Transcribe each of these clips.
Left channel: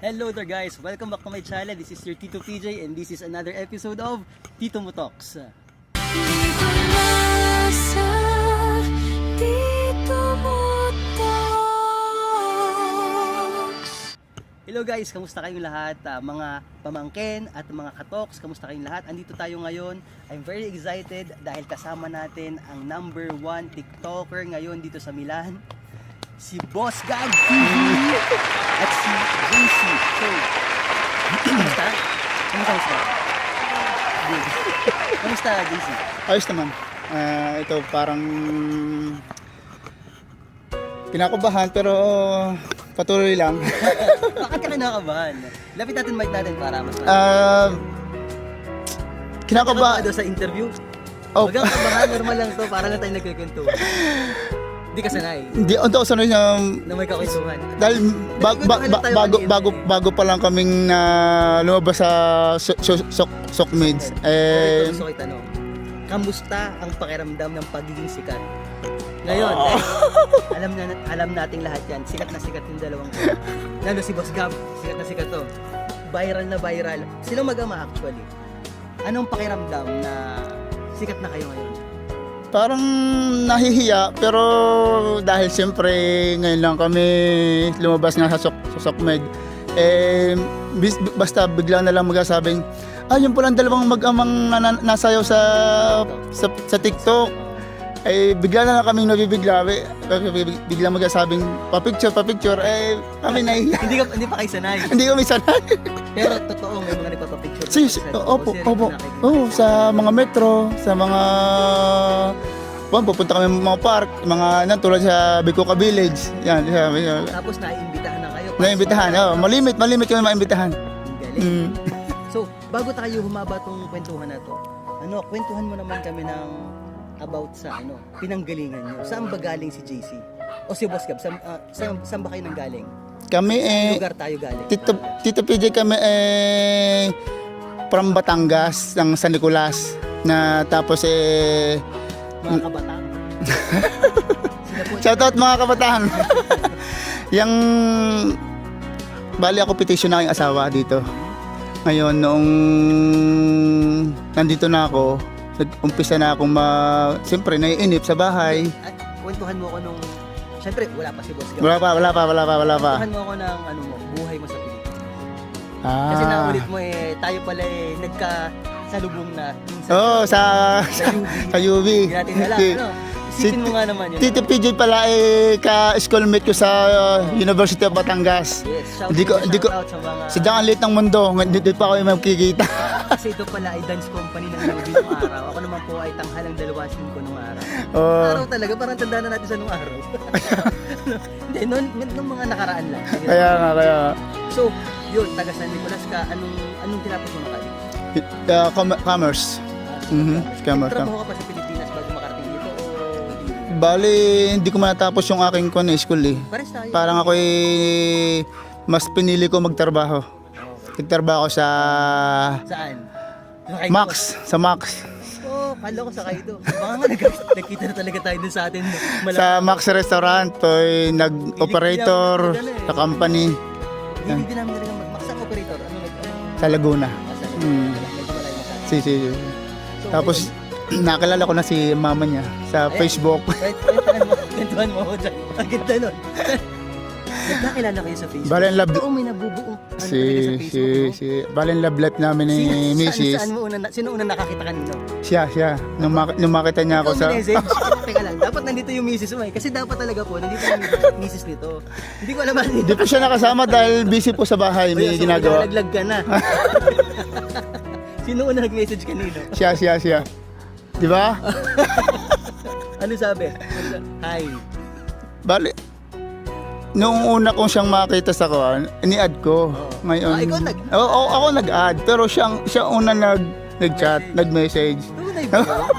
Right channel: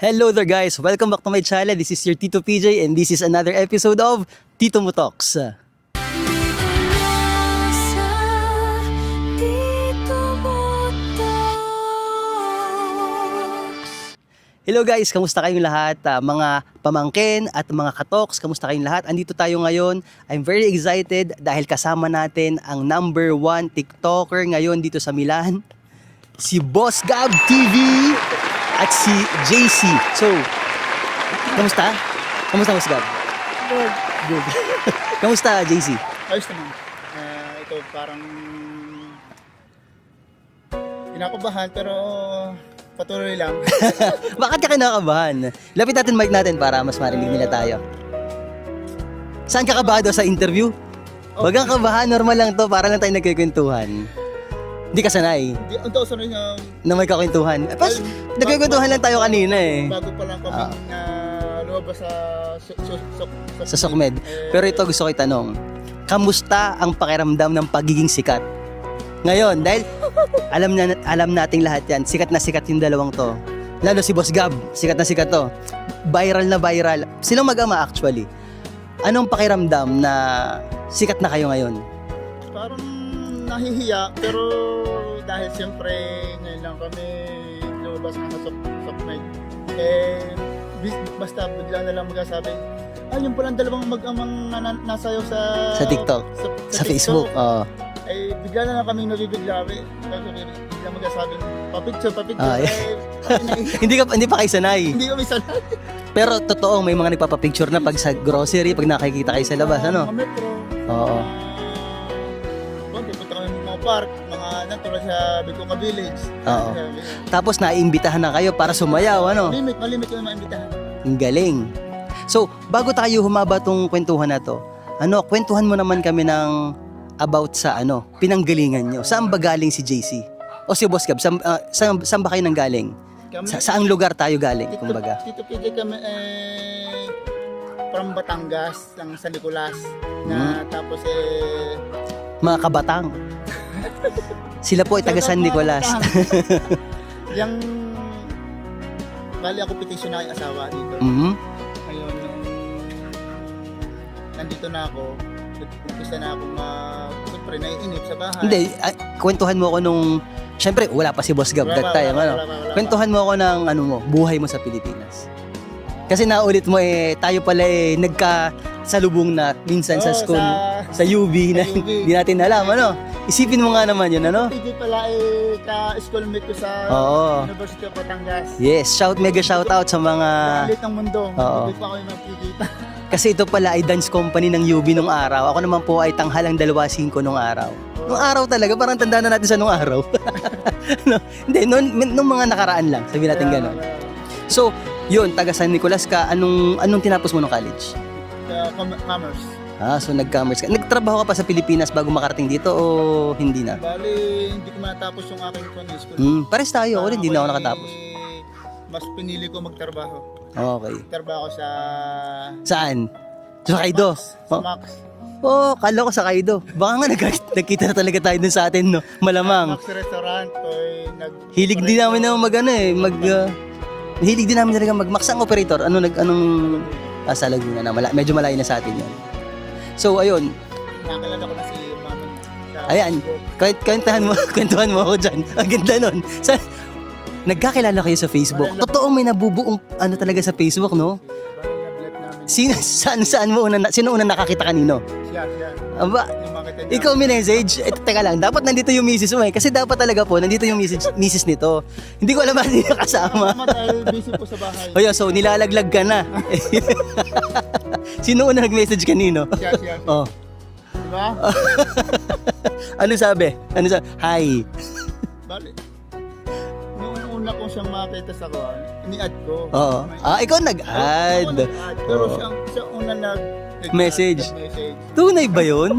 Hello there guys! Welcome back to my channel. This is your Tito PJ and this is another episode of Tito Mo Talks. Dito na sa Tito Mo Talks. Hello guys! Kamusta kayong lahat? Mga pamangkin at mga katoks, kamusta kayong lahat? Andito tayo ngayon. I'm very excited dahil kasama natin ang number 1 TikToker ngayon dito sa Milan. Si Boss Gab TV at si JC. So, kamusta? Kamusta Boss Gab? Good. Kamusta JC? Ayos naman. Ito parang kinakabahan pero patuloy lang. Bakit ka kinakabahan? Lapit natin mic natin para mas marinig nila tayo. Saan ka kabado sa interview? Oh. Wag kang kabahan, normal lang to. Parang tayo nagkikwentuhan. Hindi ka sanay Hindi ang tao sanay na na may kakwentuhan. Tapos, nagkikwentuhan lang tayo kanina eh. Bago pa lang kaming lumabas sa Sa Sokmed. Sokmed. Pero ito gusto ko itanong. Kamusta ang pakiramdam ng pagiging sikat? Ngayon, dahil alam nating lahat yan. Sikat na sikat yung dalawang to. Lalo si Boss Gab, sikat na sikat to. Viral na viral. Silang mag-ama actually. Anong pakiramdam na sikat na kayo ngayon? Parang nahihiya pero dahil siyempre ngayon lang kami lumabas nga sa Sokmed. Basta bigla na lang magsasabing yung palang dalawang mag-amang nasayaw sa TikTok. Sa TikTok. Facebook. Oo. Bigla na lang kaming nabibigla. Bigla magsasabing pa-picture. Kami nahihiya. Hindi pa kayo sanay. Hindi kami sanay. Pero totoo may mga nagpapapicture na pag sa grocery, pag nakikita kayo sa labas. Sa Ano? mga metro, sa mga... pupunta kami sa mga park, mga tulad sa Bicoca Village. Yan. Tapos naiimbitahan na kayo para Naiimbitahan, sumayaw. Ano? Malimit kami maimbitahan. Ang galing. So, bago tayo humaba tong kwentuhan na to, kwentuhan mo naman kami ng about sa pinanggalingan nyo. Saan ba galing si JC? O si Boss Gab, saan ba kayo nang galing? Kami, Saan lugar tayo galing? Tito PJ kami from Batangas, ng San Nicolas. Tapos Mga kabatang. Sila po ay taga San Nicolas. Yung bali ako petition na aking asawa dito. Mhm. Ngayon, noong nandito na ako, nag-umpisa na akong siyempre naiinip sa bahay. Hindi, kwentuhan mo ako nung, syempre wala pa si Boss Gab. Wala that time, pa. Kwentuhan mo ako ng buhay mo sa Pilipinas. Kasi naulit mo tayo pala nagkasalubong na minsan sa school, sa UB, sa UB. Hindi natin alam, Isipin mo nga naman yun, Tito PJ pala ka-schoolmate ko sa University of Batangas. Yes, mega shout out sa mga... Sigang ang liit ng mundo, dito pa ako magkikita. Kasi ito pala ay dance company ng UB nung araw. Ako naman po ay tanghalang 2:05 nung araw. Nung araw talaga, parang tanda na natin sa nung araw. Hindi, nung mga nakaraan lang, sabi natin gano'n. So, yun, taga San Nicolas ka, anong tinapos mo nung college? Commerce. So nag-commerce ka. Nagtrabaho ka pa sa Pilipinas bago makarating dito o hindi na? Bali, hindi ko matapos yung aking school. Pares tayo, Parang hindi na ako ako'y nakatapos. mas pinili ko magtrabaho. Okay. Nagtrabaho sa Saan? Sa Kaido? Max. Sa Max. Kala ko sa Kaido. Baka nga nagkita na talaga tayo dun sa atin, no? Sa Malamang. Max Restaurant, nag-operator. Hilig din namin na sa company. Hilig din namin talaga mag-Max. Ang operator? Anong... Sa Laguna. Sa Laguna na. Medyo malayo na sa atin. So, Tapos, ayun. nakilala ko na si mama niya sa Ayan. Facebook. Kwentuhan mo ako dyan. Ang ganda nun. Nagkakilala kayo sa Facebook. Totoo may nabubuong talaga sa Facebook, no? Balen love life namin ni Mrs. Sino una nakakita kanino? Siya. Aba, Nung makita niya Ikaw ako minessage? Teka lang, dapat nandito yung misis mo Kasi dapat talaga po, nandito yung misis nito. Hindi ko alam ba nandito Kasi nakasama dahil busy po sa bahay. So nilalaglag ka na. Sino una nag-message kanino? Siya. Oh. Di ba? Ano sabi? Hi. Bali, nung una kong siyang makita sa ini-add ko. Oo. Ngayon, Ikaw nag-add? Oo, ako nag-add. Pero siya una nag-message. Tunay ba yun?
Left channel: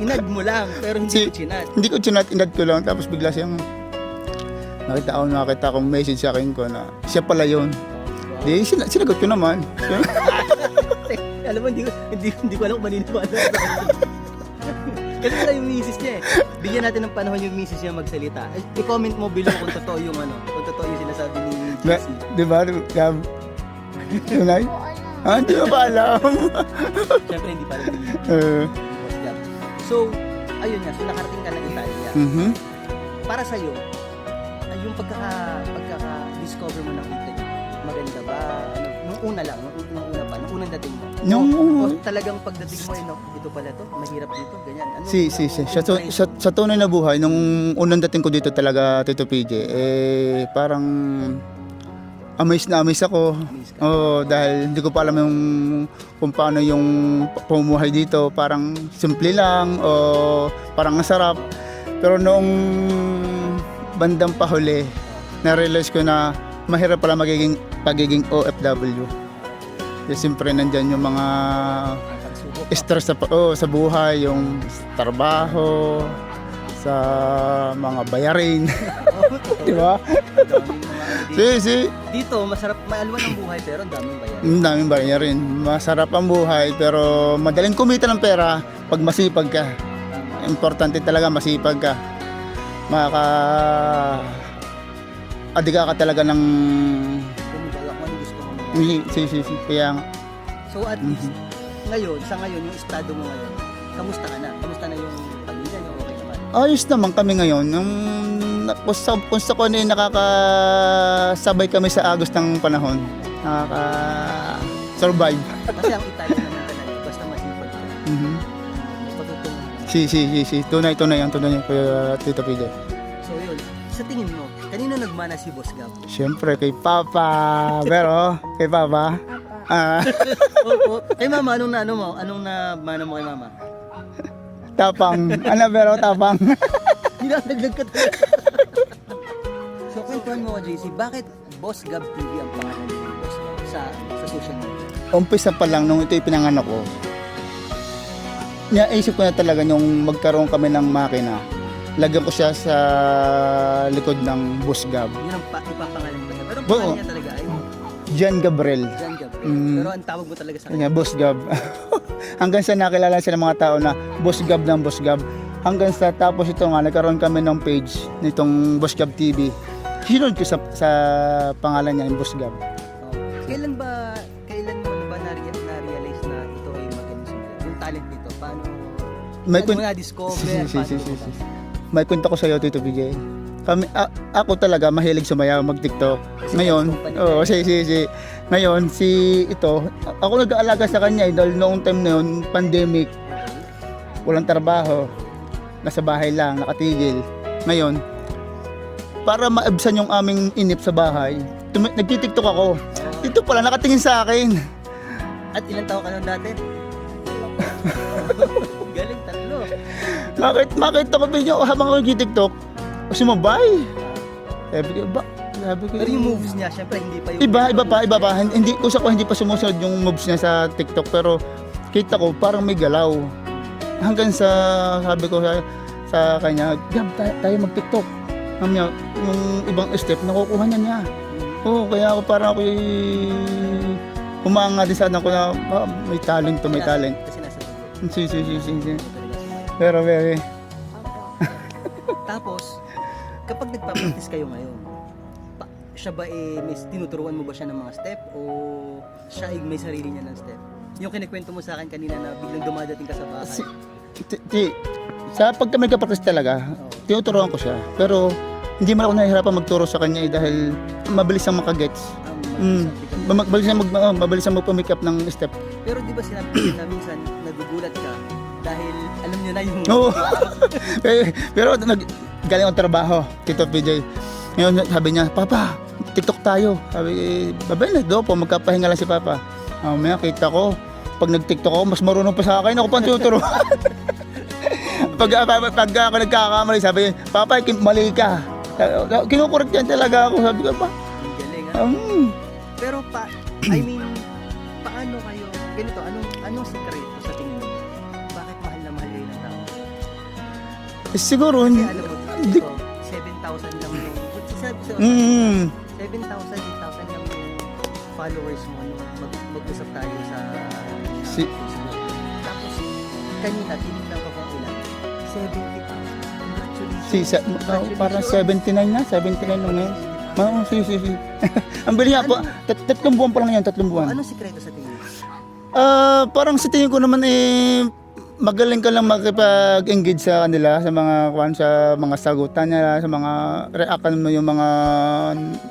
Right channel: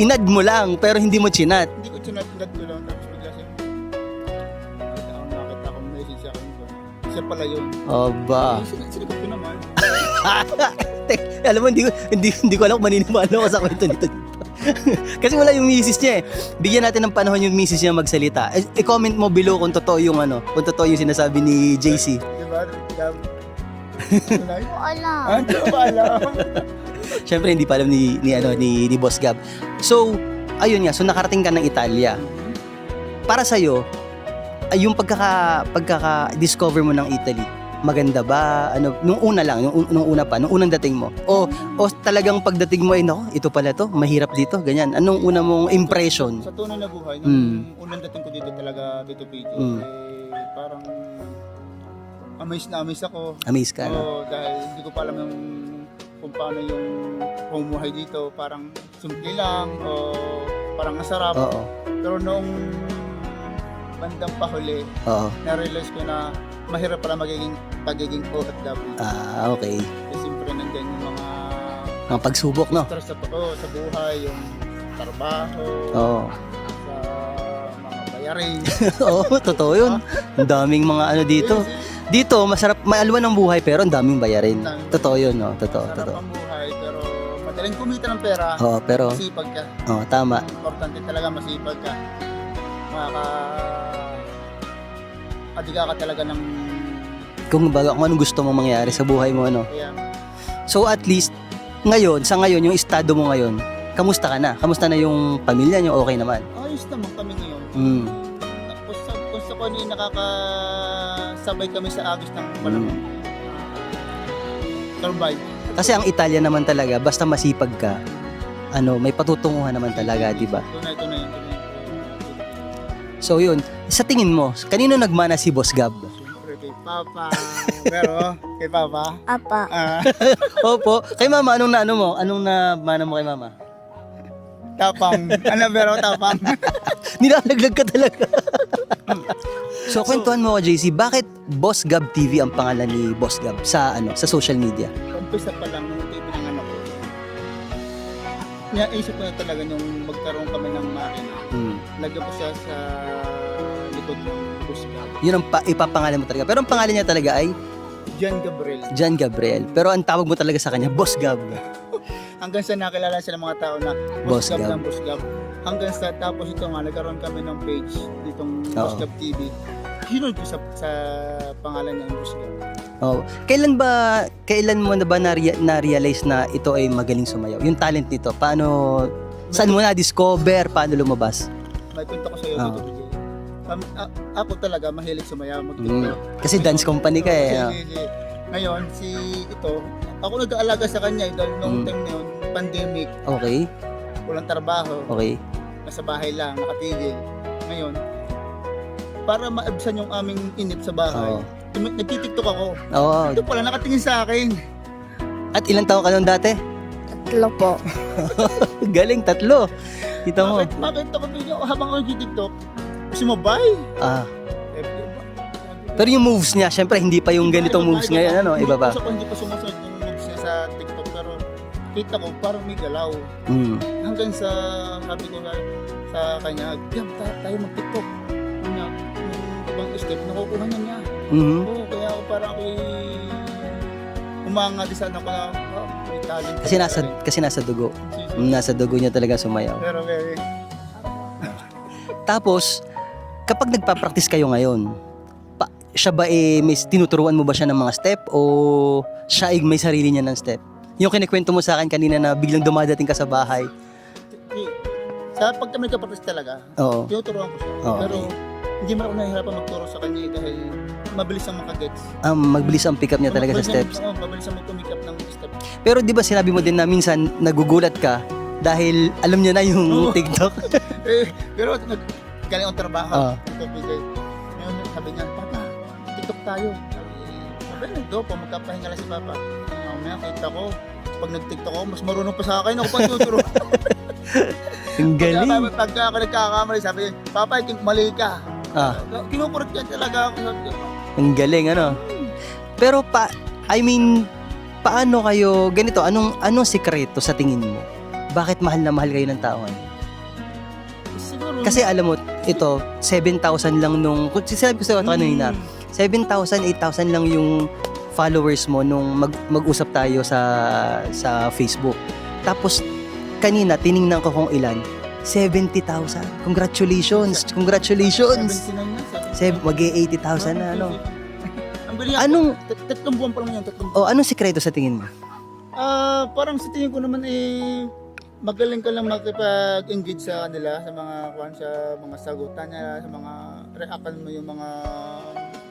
Inad mo lang, pero hindi mo chinat. Hindi ko chinat, inad ko lang. Tapos bigla siyang nakita akong message sa akin ko na siya pala yun. Aba. Sinagot ko naman. Alam mo, hindi ko alam kung maniniwala ko sa kwento nito. Kasi wala yung misis niya eh. Bigyan natin ng panahon yung misis niya magsalita. I-comment mo below kung totoo yung kung totoo yung sinasabi ni JC. Di ba? Gab? Tunay? Wala. Hindi ko pa alam. Siyempre hindi pa alam ni Boss Gab. So, ayun nga, so nakarating ka ng Italia. Mhm. Para sa'yo, ay yung pagkaka-discover mo ng Italy, maganda ba? Ano, nung una lang, nung unang dating mo? O talagang pagdating mo ay, no, ito pala to, mahirap dito, ganyan. Anong una mong impression? Sa tunay na buhay, nung unang dating ko dito talaga, Tito PJ, parang amazed na amazed ako. Amaze ka? Oo, dahil hindi ko pa alam kung paano yung pumuhay dito. Parang simple lang o parang masarap. Oo. Pero noong bandang pahuli, Oo. na-realize ko na mahirap pala pagiging OFW. Okay. Kasi siyempre nandyan yung mga Mga pagsubok, no? stress sa buhay, yung trabaho, Oo. sa mga bayarin. Oo, totoo Diba? yun. Ang daming mga ano dito. Kasi Dito, masarap, maalwan ang buhay, pero ang daming bayarin. ang daming Totoo bayarin. yun, no? Totoo, Masarap totoo. ang buhay, pero madaling kumita ng pera Oo, pag pero- masipag ka. Oo, tama. Importante talaga masipag ka. Adiga ka talaga ng Kung anong gusto mong mangyari sa buhay mo, ano. Kaya So at least, sa ngayon, yung estado mo ngayon, kamusta ka na? Kamusta na yung pamilya niyo? Okay naman? ayos naman kami ngayon. Kung sa kung nakakasabay kami sa agos ng panahon, nakaka-survive. Kasi ang Italia naman talaga, basta masipag ka, may patutunguhan naman talaga, di ba? Tunay yan, Kuya Tito PJ. So yun, sa tingin mo, kanino nagmana si Boss Gab? Siyempre kay Papa, pero kay Papa, Apa. Opo, kay Mama, anong mana mo kay Mama? tapang, pero tapang. Nilalaglag ka talaga. So, kwentuhan mo ko, JC, bakit Boss Gab TV ang pangalan ni Boss Gab sa social media? Umpisa pa lang nung ito'y pinanganak ko, naisip ko na talaga yung magkaroon kami ng makina. Lagyan ko siya sa likod ng Boss Gab. Yun ang ipapangalan mo talaga. Pero ang pangalan niya talaga ay Jan Gabriel. John Gabriel. Pero ang tawag mo talaga sa kanya, Boss Gab. Hanggang sa nakilala sila mga tao na Boss Boss Gab Gab. ng Boss Gab. Hanggang sa tapos ito nga, nagkaroon kami ng page nitong Oo. Boss Gab TV. Sinunod ko sa pangalan niya, Boss Gab. Oh, kailan mo na ba na-realize na ito ay magaling sumayaw? Yung talent nito, saan mo na-discover, paano lumabas? May kwento ko sa iyo, Oo. Tito PJ. Ako talaga mahilig sumayaw, mag-TikTok. Kasi dance company ka Oo, eh. Ngayon, ako nag-aalaga sa kanya dahil noong time na yun, pandemic, Okay, walang trabaho, okay. nasa bahay lang, nakatigil. Ngayon, para maibsan yung aming inip sa bahay, nagtitiktok ako. Oo. Ito pala, nakatingin sa akin. At ilang taon ka nun dati? Tatlo po. Galing, 3. Ito mo. Bakit ako video habang ako nagtitiktok, sumabay. Sabi ko, Pero yung moves niya, syempre hindi pa yung ganitong moves iba niya. pa. Ano, Hindi iba pa. hindi pa sumusunod yung moves niya sa TikTok, pero kita ko parang may galaw. Hanggang sa sabi ko sa kanya, Gab, tayo mag-TikTok. Yung ibang step, nakukuha niya. Mhm. Oo, kaya ako parang ako humanga din sa anak ko na may talent ka, may talent. Kasi nasa dugo. Si. Nasa dugo niya talaga sumayaw. Pero very, Tapos, kapag nagpa-practice kayo ngayon, siya ba may tinuturuan mo ba siya ng mga step o siya ay may sarili niya ng step? Yung kinikwento mo sa akin kanina na biglang dumadating ka sa bahay. sa pag kami nagka-practice talaga, Oo. tinuturuan ko siya. Oo. Pero hindi man ako nahihirapan magturo sa kanya dahil mabilis ang makagets. Mabilis ang pick up niya talaga sa steps. Mabilis ang mag-pick up ng step. Pero di ba sinabi mo din na minsan nagugulat ka dahil alam niya na yung Oo. TikTok? Pero galing ang trabaho, Oo. Tito PJ. Ngayon sabi niya, Papa, TikTok tayo. Sabi, babay na do po, magkapahinga lang si Papa. Mamaya kita ko, pag nag-TikTok ako, mas marunong pa sa akin, ako pa tuturo. pag ako nagkakamali, sabi niya, Papa, mali ka. Kinukurot yan talaga ako, sabi ko pa. Ang galing, ano? Pero paano kayo, ganito, anong sikreto sa tingin mo? Bakit mahal na mahal kayo ng tao? Siguro, Kasi alam mo, ito, 7,000 lang nung, sinabi ko sa kanina, 7,000, 8,000 lang yung followers mo nung mag-usap tayo sa Facebook. Tapos, kanina, tiningnan ko kung ilan. 70,000. Congratulations. Congratulations. 79 na, 79 na. Mag-80,000 na. Si. Ano? Ang bilis nga Anong- po. Tatlong buwan pa lang yan, tatlong Oh, buwan. anong sikreto sa tingin mo? Parang sa tingin ko naman magaling ka lang makipag-engage sa kanila, sa mga sagutan nila, sa mga reaction mo, yung mga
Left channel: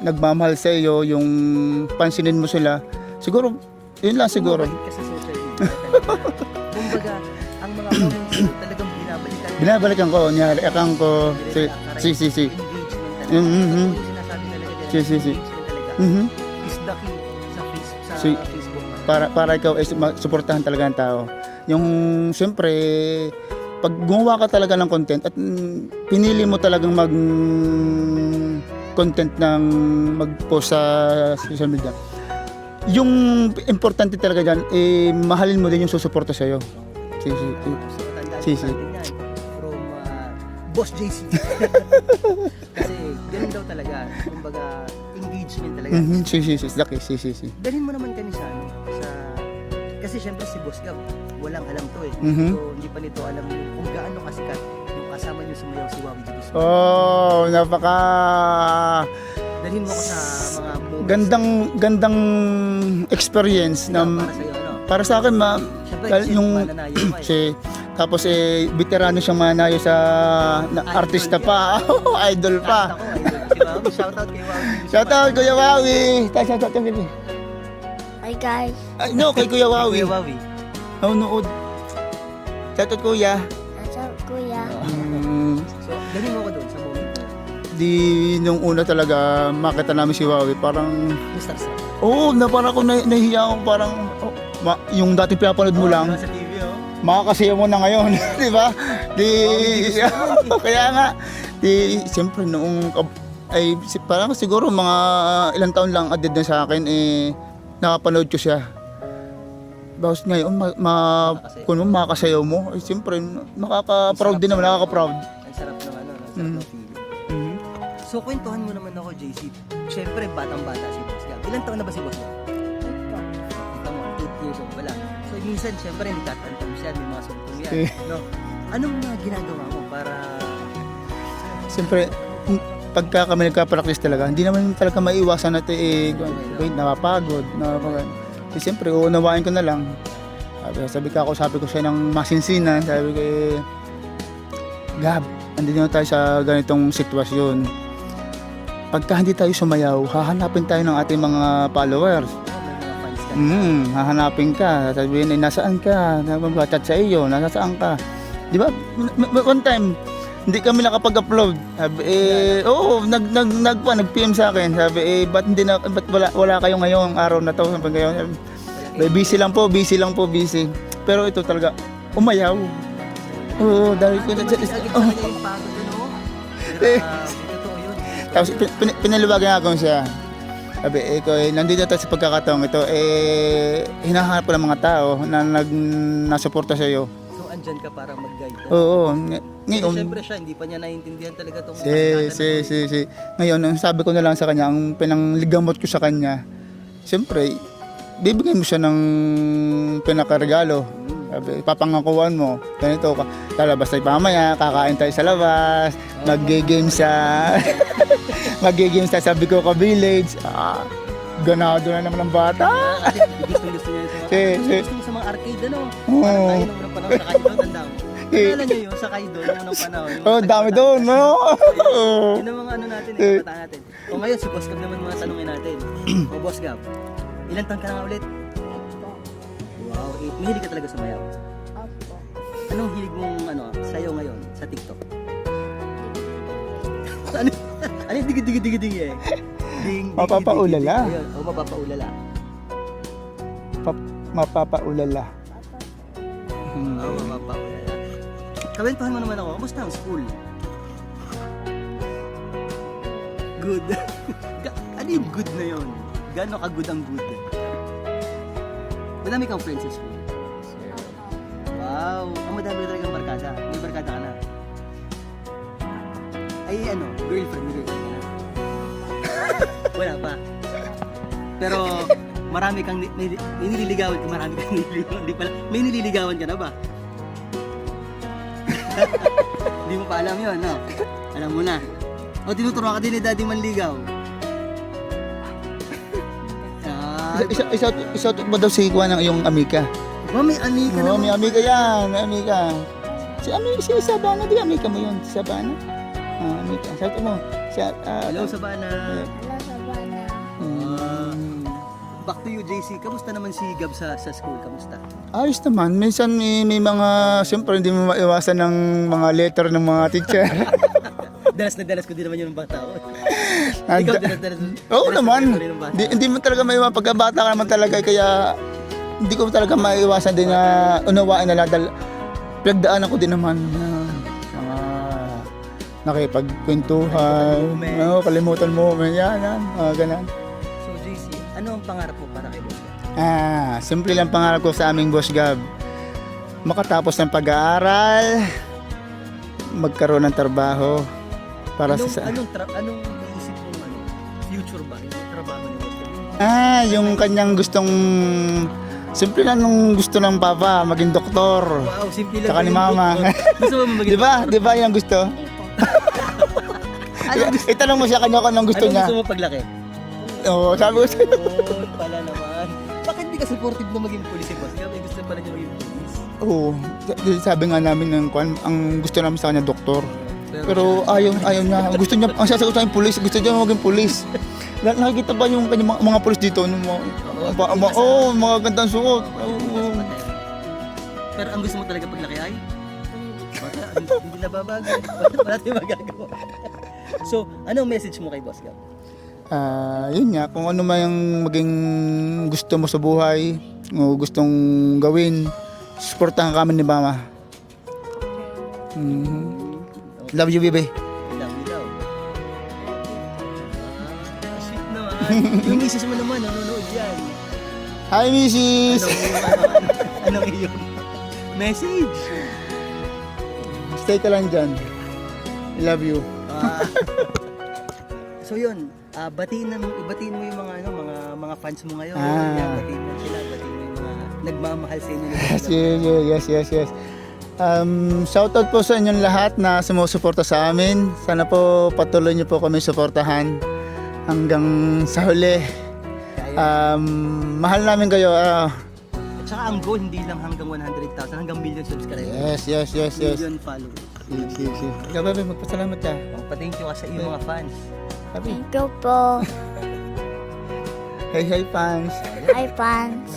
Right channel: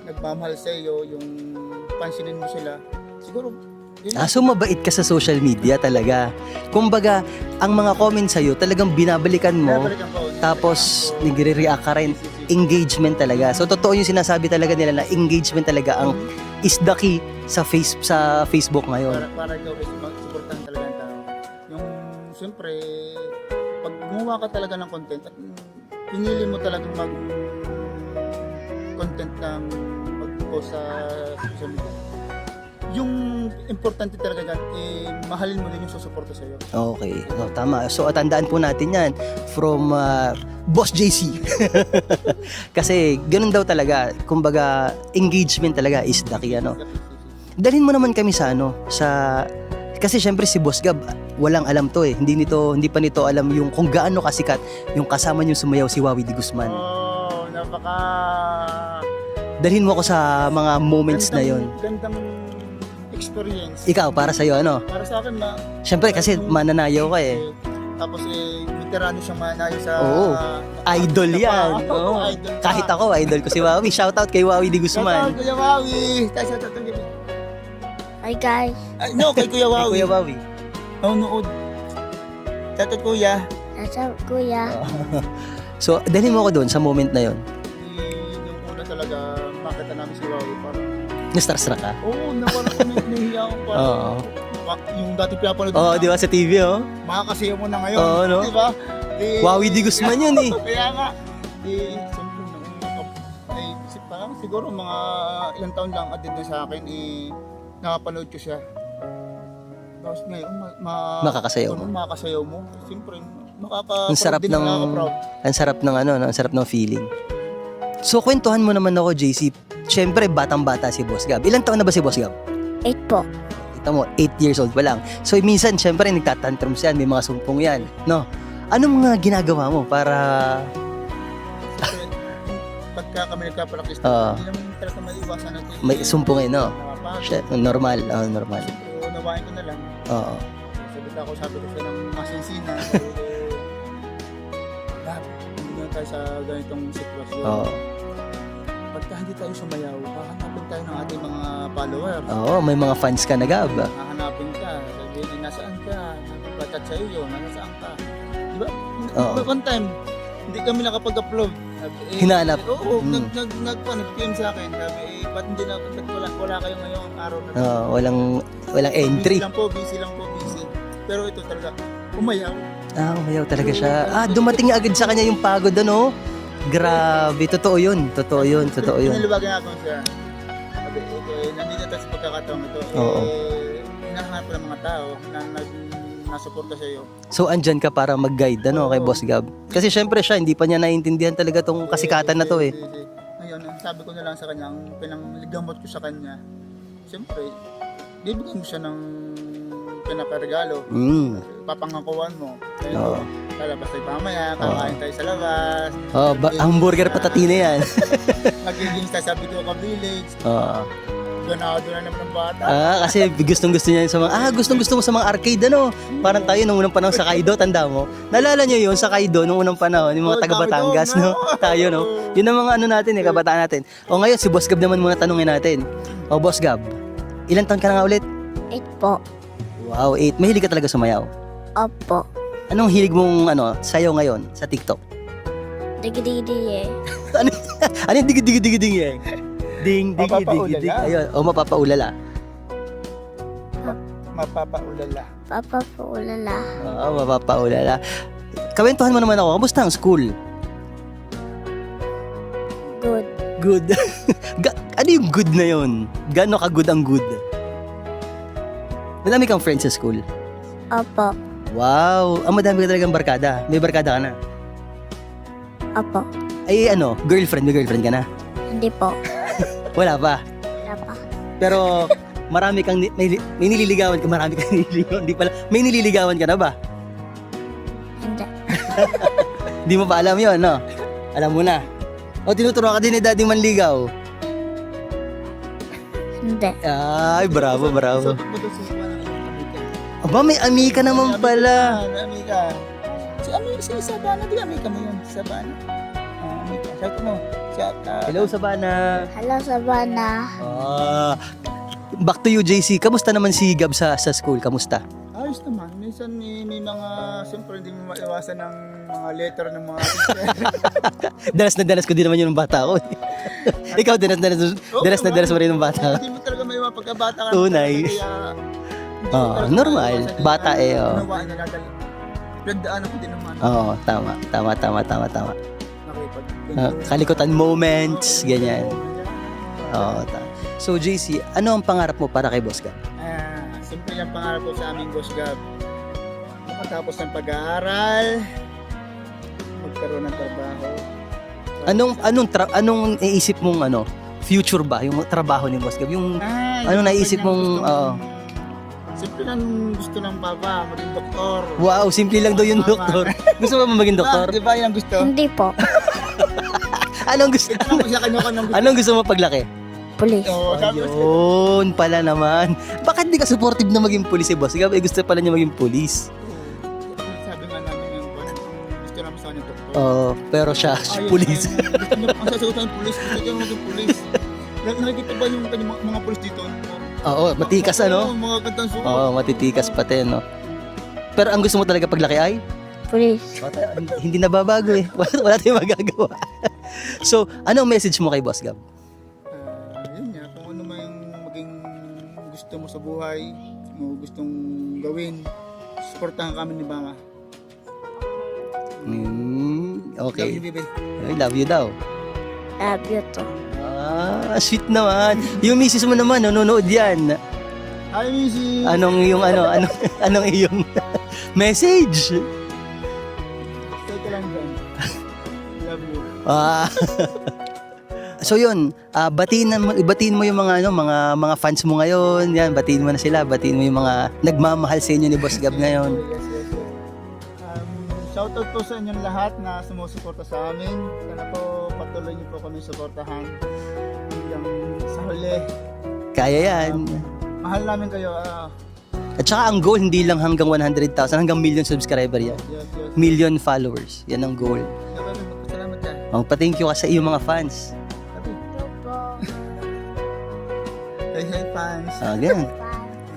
nagmamahal sa iyo, yung pansinin mo sila. Siguro, yun na So siguro. mabait ka sa social media talaga. Kumbaga, ang mga comments sa'yo talagang binabalikan mo. Binabalikan ko, Tapos nireact ko. nagre-react ka rin. Si. Engagement talaga. So Mhm. totoo yung sinasabi talaga nila na Si. engagement talaga ang Mhm. is the key sa Facebook ngayon. Para ikaw ay suportahan talaga ng tao. Yung siyempre, pag gumawa ka talaga ng content at pinili mo talagang content ng mag-post sa social media, yung importante talaga dyan, mahalin mo din yung susuporta sa'yo. Okay, Si. tama. So tandaan po Si. natin yan from Boss JC. Kasi ganun daw talaga. Kumbaga, engagement talaga is the key. Ano? Si. Dalhin mo naman kami sa kasi syempre si Boss Gab walang alam to eh. Hindi pa nito alam yung kung gaano kasikat yung kasama niyo sumayaw si Wawi Di Guzman. Oh, napaka Dalhin mo ako sa mga moments na yun. gandang experience. Ikaw, para sa'yo, ano? Para sa akin, Syempre kasi yung- mananayaw ka eh. Tapos veterano siyang manayo sa Oo. Idol artista yan. pa. Oo. Idol pa. Kahit ako, idol ko si Wawi. Shoutout kay Wawi Di Guzman. Shoutout Kuya Wawi. Shoutout baby. Hi guys, Ay, no, kay Kuya Wawi. Kuya Wawi. Nanonood. Shoutout Kuya. nasa kuya. So, dalhin mo ako doon sa moment na yon. Di nung una talaga makita namin si Wawi, parang Na-starstruck ka? na parang ako nahihiya ako parang Oo. yung dati pinapanood mo Oo, lang. di ba sa TV, oh? Makakasiya mo na ngayon, Oo, no? di ba? Wawi Di Guzman yun eh. Kaya nga, siyempre noong, parang siguro mga ilang taon lang added na sa akin, nakapanood ko siya. Bakit ngayon, Makakasayaw. kung makakasayaw mo, siyempre, makaka-proud din ako, nakaka-proud. Ang sarap ng ang sarap ng feeling. So, kwentuhan mo naman ako, JC. Siyempre, batang-bata si Boss Gab. Ilang taon na ba si Boss Gab? 8 po. Kita mo, 8 years old pa lang. So, minsan, siyempre, nagtatantrums yan. May mga sumpong yan. No? Anong mga ginagawa mo para... Siyempre, pagka kami nagka-practice talaga, Oo. hindi naman talaga maiwasan natin May sumpong no? napapagod. Shit, normal. Normal. Siyempre, uunawain ko na lang. Oo. Sabi ko siya ng masinsinan. Sabi ko, Gab, andito na tayo sa ganitong sitwasyon. Oo. Pagka hindi tayo sumayaw, hahanapin tayo ng ating mga followers. Oo, may mga fans ka na, Gab. Hahanapin ka, sabihin, nasaan ka? Nagchat sa iyo, nasaan ka? Di ba? Oo. One time, hindi kami nakapag-upload. Sabi, Hinanap. oo, nag-PM sa akin. Sabi, ba't wala kayo ngayong araw na to? Sabi, Walang busy entry. lang po, busy. Pero ito talaga, umayaw. Umayaw talaga Oo, siya. dahil Dumating agad sa kanya yung pagod, ano? Grabe, totoo yun. Totoo Tapos yun, totoo yun. pinaliwagan ako siya. Sabi, nandito tayo sa pagkakataong ito, hinahanap ko ng mga tao na nasuporta sa iyo. So, andyan ka para mag-guide, ano, Oo. kay Boss Gab. Kasi Ngayon- syempre siya, hindi pa niya naiintindihan talaga tong kasikatan na to eh. Ngayon, ang sabi ko na lang sa kanya, ang pinangligamot ko sa kanya, siyempre, bibigyan mo siya ng pinakaregalo. Sabi, papangakuan mo, ganito, lalabas tayo mamaya, kakain tayo sa labas, Oh, mag-games hamburger patatina yan. mag-games tayo sa Bicoca Village. Ganado na naman ng bata. Kasi gustong-gusto niya yun sa mga, gustong-gusto mo sa mga arcade, ano? Parang tayo nung unang panahon sa Kaido, tanda mo? Nalala niyo yun sa Kaido nung unang panahon, yung mga taga dami Batangas, doon, no? no? Tayo, no? Oo. Yun ang mga ano natin, kabataan natin. O ngayon, si Boss Gab naman muna tanungin natin. O Boss Gab, ilang taon ka na nga ulit? 8 po. Wow, 8. Mahilig ka talaga sumayaw. Opo. Anong hilig mong sayaw ngayon sa TikTok? Digi-digi eh. Ano yung digi-digi-digi-digi eh? Ding, digi, Mapapaulala. digi, digi. Ayun, mapapaulala. Mapapaulala. Papa po ulala. Oo, mapapaulala. Kawentuhan mo naman ako, kamusta ang school? Good. Good. Ano yung good na yun? Gano'n ka good ang good? Madami kang friends sa school. Opo. Wow, madami ka talagang barkada. May barkada ka na. Opo. Ay girlfriend, may girlfriend ka na. Hindi po. Wala pa. Wala pa. Pero marami kang may nililigawan ka, marami kang nililigawan. Di pala, may nililigawan ka na ba? Hindi mo pa alam yun, no? Alam mo na. O, tinuturuan ka din ni Daddy Manligaw. Hindi. Ay, bravo, bravo. Isot mo daw si Juan ang iyong amika. Aba, may amika Oo, naman may amika pala. yan, may amika. Si Sabana, di amika mo yun, si Sabana. Amika. Sabi mo, Hello, Sabana. Hello, Sabana. Back to you, JC. Kamusta naman si Gab sa school? Kamusta? ayos naman. Minsan may mga, siyempre hindi mo maiwasan ng mga letter ng mga teacher. Dalas na dalas ko din naman yun ng bata ko. Ikaw, dalas na dalas mo rin ng bata ko. Hindi mo talaga maiwasan. Pagkabata ka naman Tunay. talaga, kaya hindi ko talaga normal. maiwasan din Bata na eh, oh. unawain na lahat. Pinagdaanan ko din naman. Oo, tama. Nakipagkwentuhan. Kalikutan moments, Kalimutan ganyan. moment. Yan. Ganun. So, JC, ano ang pangarap mo para kay Boss Gab? Simple lang pangarap ko sa aming Boss Gab. Makatapos ng pag-aaral, magkaroon ng trabaho. Para Anong iisip mong future ba? Yung trabaho ni Boss Gab? Yung yung naisip kanyang mong- gustong... Simple lang nung gusto ng papa, maging doktor. wow, simple lang Saka daw yung mama. doktor. Gusto mo maging Diba? doktor? Diba yung gusto? Hindi po. Anong gusto? Itanong mo siya kanya anong gusto Anong na. gusto mo paglaki? Pulis. Oo, sabi ko sa'yo. Yun pala naman. Bakit di ka supportive na maging pulis si Boss Gab? Gusto pala niya maging pulis. Oo. Sabi nga namin ng ang gusto namin sa kanya doktor. Pero Pero siya, ayaw pulis. na. Gusto niya, ang sasagot ng pulis, gusto niya maging pulis. Nakikita ba yung kanyang mga pulis dito? Yung Oo, matikas Oo, mga gandang suot. Oo, matitikas pati, no? Pero ang gusto mo talaga paglaki ay? Pulis. Hindi nababago eh. Wala tayong magagawa. So, anong message mo kay Boss Gab? Yun nga, kung ano man yung maging gusto mo sa buhay, o gustong gawin, supportahan kami ni Mama. Okay. Love you, baby. Ay, love you daw. Love you too. Sweet naman. Yung misis mo naman, nanonood yan. Hi, Mrs. Anong iyong message? Stay ka lang dyan. I love you. So yun, batiin mo yung mga fans mo ngayon. Yan, batiin mo na sila, batiin mo yung mga nagmamahal sa inyo ni Boss Gab ngayon. Yes. Shoutout po sa inyong lahat na sumusuporta sa amin. Sana po patuloy niyo po kami suportahan hanggang sa huli. Kaya yan. Mahal namin kayo. At saka ang goal hindi lang hanggang 100,000, hanggang million subscriber yan. Yes. Million followers. Yan ang goal. Ikaw, baby, magpasalamat ka. Pa-thank you ka sa iyong mga fans. Thank you po. Hey, fans. Hi, Again. fans.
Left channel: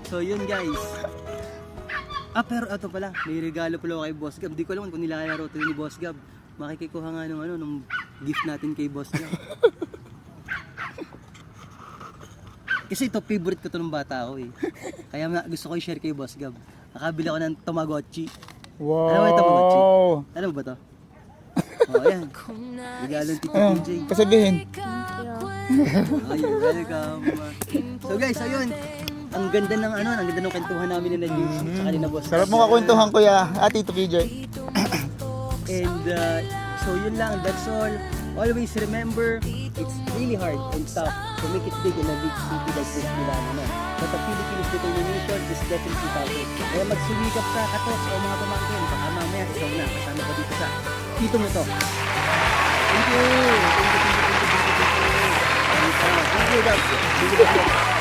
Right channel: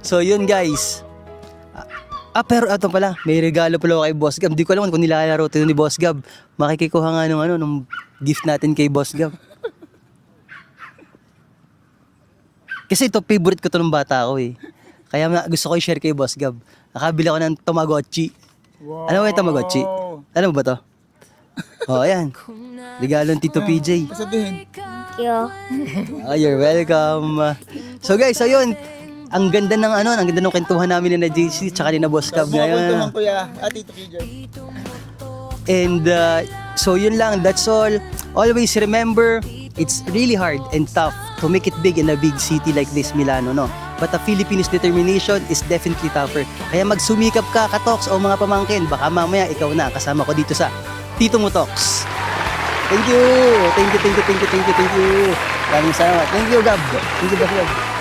So yun guys. Pero ito pala, may regalo pala ako kay Boss Gab. Di ko alam kung nilalaro ito ni Boss Gab. Makikikuha nga nung gift natin kay Boss Gab. Kasi ito, favorite ko to ng bata ko eh. Kaya gusto ko i-share kay Boss Gab. Nakabili ako ng Tamagotchi. Wow. Alam mo yung Tamagotchi? Alam mo ba to? Ayan. Regalo ng Tito PJ. Pasabihin. Thank you. You're welcome. So guys, ayun. Ang ganda ng kwentuhan namin ni na JC tsaka ni na Boss Gab. Kwentuhan ko ya, Tito PJ. And so yun lang, that's all. Always remember, it's really hard and tough to make it big in a big city like this, Milano, no? But the Filipino's determination is definitely tougher. Kaya magsumikap ka, katoks o mga pamangkin. Baka mamaya ikaw na kasama ko dito sa Tito Mo Talks. Thank you. Maraming salamat. Thank you, Gab. Thank you, Boss Gab.